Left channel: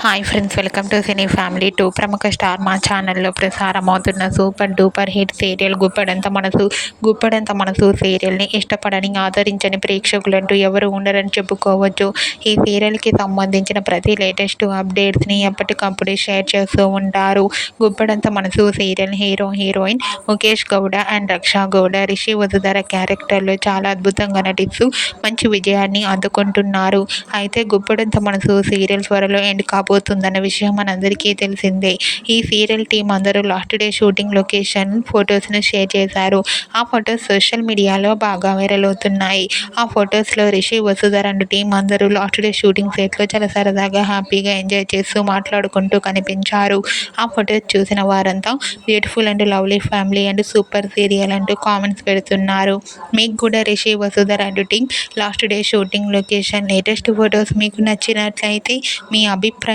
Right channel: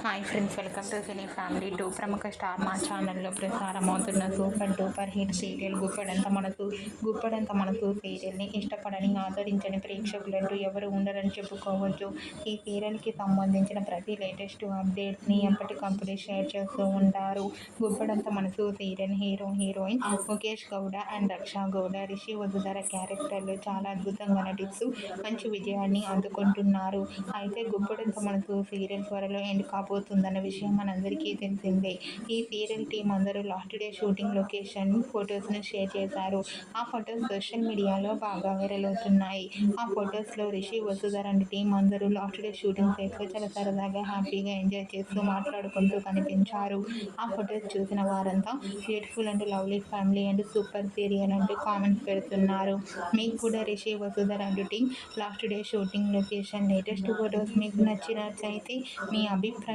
Hi friends welcome to cine family to ప్రముఖ star మా ఛానల్లో ప్రసారం అవుతున్న super duper hit serial Guppedantha మనసు గుప్పడంత మనసు సీరియల్ని ఇష్టపడని ఆదరించని ప్రేక్షకులంటూ ఎవరు ఉండరని చెప్పుకోవచ్చు. ఈ సీరియల్కి సంబంధించిన ప్రతి లేటెస్ట్ అప్డేట్స్ని ఎప్పటికప్పుడు షేర్ చేస్తూ ఉంటారు. గుప్పడంత మనసు serial hero heroine Mukesh Gowda and Raksha Gowda Rishi Vasudhara క్యారెక్టర్లో చాలా అద్భుతంగా నటిస్తూ మంచి విజయాన్ని అందుకుంటున్నారు. అయితే గుప్పడంత మనసు సీరియల్ త్వరలో ఎండ్ కాబోతుందన్న విషయం మనందరికీ తెలిసిందే. ఈ సీరియల్ టీం అందరూ లాస్ట్ డే షూటింగ్ లొకేషన్ ఫొటోస్ను షేర్ చేశారు. ఆ ఫొటోస్ సోషల్ మీడియాలో బాగా వైరల్ అవుతున్నాయి. ఆ ఫొటోస్లో రిషి వసుధ రెండు టీం అందరూ లాస్ట్ డే షూటింగ్ సెట్లో చాలా సరదాగా హ్యాపీగా ఎంజాయ్ చేస్తూ మాట్లాడుకుంటూ కనిపించారు. ఆ ఫొటోస్ చూసిన వారంతా beautiful and lovely family and super serial అంటూ కామెంట్స్ పెడుతున్నారు. మీకు కూడా రిషి వసుధ రెండు team last day shooting location latest photos మీకు నచ్చినట్లయితే మీ అభిప్రాయం